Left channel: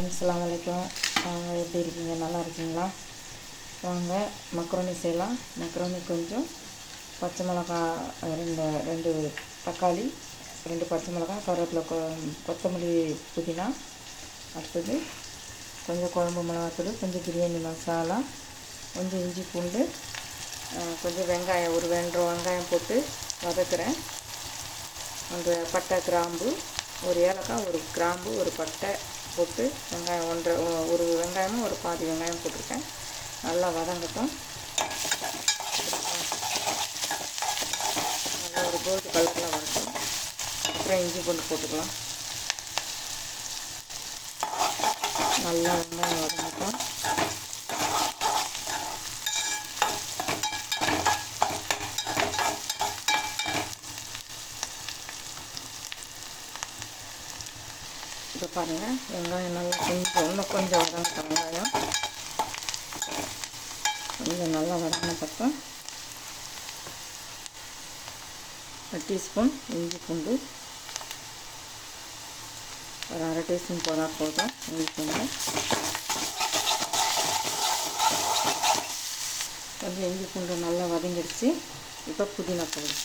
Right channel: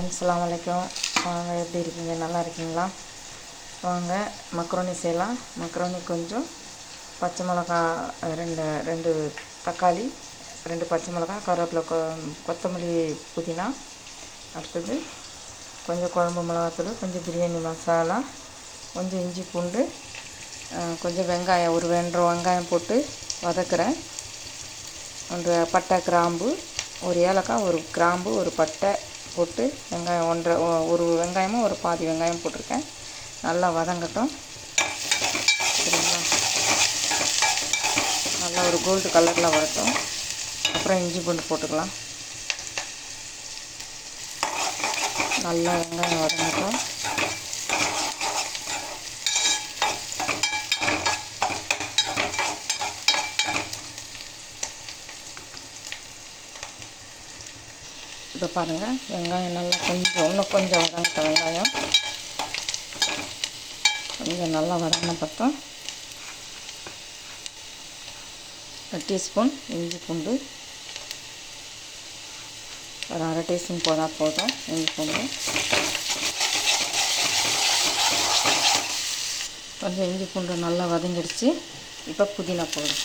Friends, அஸ்ஸலாமு அலைக்கும். வாங்க, எப்படி இருக்கீங்க? நல்லா இருக்கீங்களா? வாங்க மக்ரோனி செய்யலாம். மக்ரோனி கொஞ்சம் பச்சை மிளகா, ரெண்டு ரெண்டு தக்காளி, 2 பச்சை மிளகா, கருவேப்பிலை, கொத்தமல்லி, புதினா, அடுத்தது கொஞ்சம் குழம்பு மிளகாத்தூள், கொஞ்சம் பிரியாணி மசாலா, கொஞ்சம் இஞ்சி பூண்டு, கொஞ்சம் வெங்காயம், ஒரு 2 வெங்காயம் போட்டு வதக்குறேன். ஒரு பட்டை, கிராம்பு, ஒரு ஏலக்காய், ஒரு கிராம்பு, ஒரு பட்டை போட்டு வெங்காயம் ஒரு வெங்காயமும் ஒரு பாதி வெங்காயம் போட்டிருக்கேன். நல்லா வதங்கட்டும். சரிங்களா? நல்லா ஒரு கோல்டு கலரில் வரட்டும். அப்புறம் இஞ்சி பூண்டு போட்டுக்கலாம். நல்லா வெங்காயம் வதங்கட்டும். இப்போ பாருங்கள், வெங்காயம் நல்லா இன்னும் கொஞ்சம் வதங்கட்டும். வெங்காயம் கொஞ்சம் நல்லா வதங்கின பக்கம் 1 டீஸ்பூன் இஞ்சி பூண்டு, ஒரு 1/2 டீஸ்பூன் போதும் இஞ்சி பூண்டு. கொஞ்சம் இஞ்சி பூண்டு நல்லா வதங்கிடுச்சு. இப்போ புதினா போடும்,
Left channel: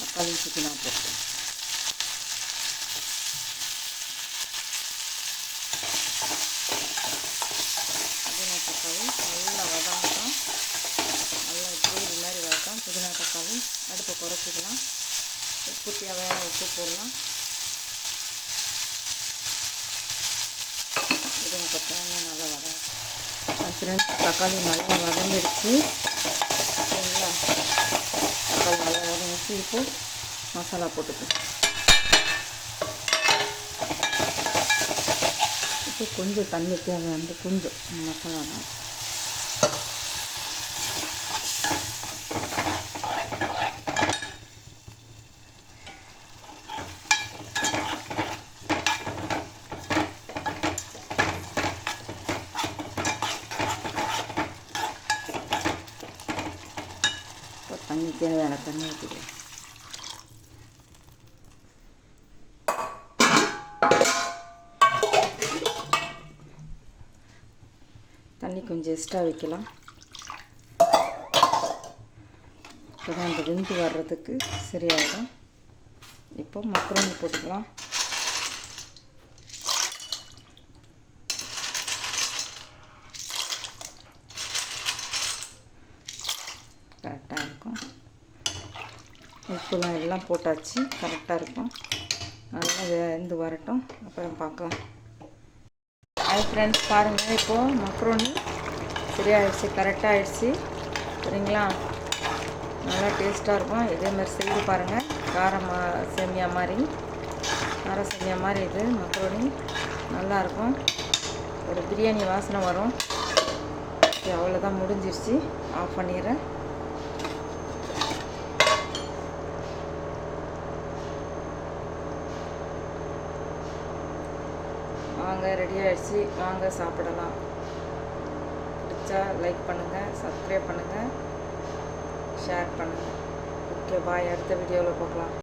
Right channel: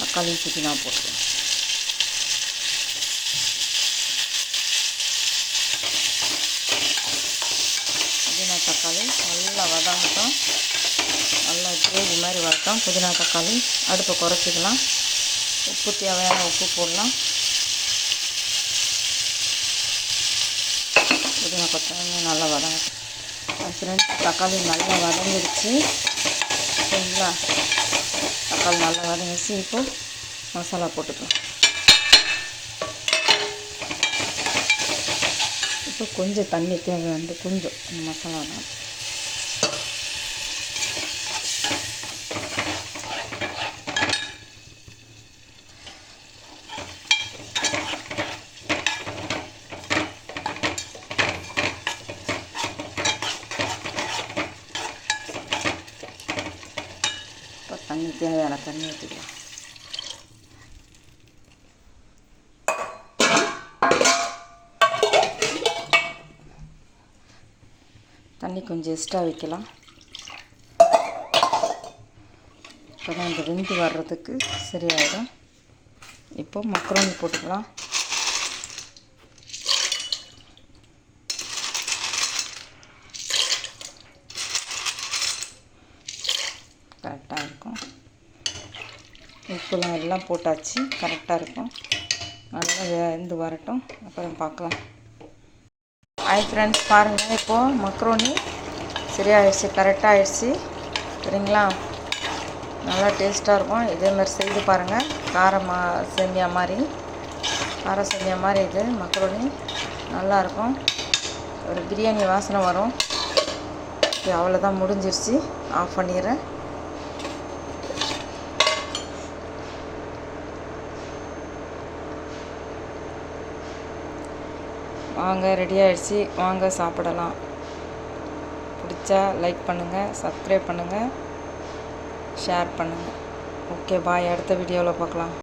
தக்காளி புதினா போட்டு புதினா தக்காளி நல்லா வதங்கட்டும். நல்லா கிரேவி மாதிரி வரட்டும். புதினா தக்காளி அடுப்பை குறைச்சிக்கலாம். உப்பு தேவையான உப்பு போடலாம். புதினா கொத்தமல்லி நல்லா வதங்கட்டும். ஃப்ரெண்ட்ஸ், தக்காளி நல்லா வதங்கிடுச்சு. சரிங்களா? தக்காளி நல்லா வதங்கிடுச்சு. இப்போ மசாலா போட்டுக்கலாம். இப்போ கொஞ்சம் தண்ணி தேவையானது, கொஞ்சம் மசாலா தான். இப்போ தண்ணி தேவையான தண்ணி ஊற்றிக்கலாம். தண்ணி கொஞ்சம் எக்ஸ்ட்ரா வைக்கலாம். இப்போ தான் இந்த வெந்து வர்றதுக்கு சரியாயிடும். இப்போ மக்ரோனி போட்டுக்கலாம். கரெக்டாக இருக்கும். உப்புலாம் எல்லாம் போட்டாச்சு, கரெக்டாக இருக்கும். நல்லா வெந்து வரட்டும், அப்புறம் பார்க்கலாம். ஹாய் ஃப்ரெண்ட்ஸ், பாருங்கள், இப்போது மக்ரோனி சரியாயிடுச்சு, கரெக்டாக ஆயிடுச்சு. சரிங்களா? நல்லா டேஸ்ட்டாக இருக்கும். இதேமாதிரி செய்து பாருங்கள். கார சேமியா மாதிரி இது மக்ரோனி நல்லாயிருக்கும். ஒரு பிரியாணி வாசனை வரும். அவ்வளோதான், முடிஞ்சிருச்சு. ஆஃப் பண்ணிடுறேன். வாங்க, ரெடி ஆகிடுச்சு. வாங்க சாப்பிடலாம். பிடிச்சா லைக் பண்ணுங்கள், சப்ஸ்கிரைப் பண்ணுங்கள், ஷேர் பண்ணுங்கள். ஓகே, பாய். அடுத்த வீடியோவில் பார்க்கலாம்.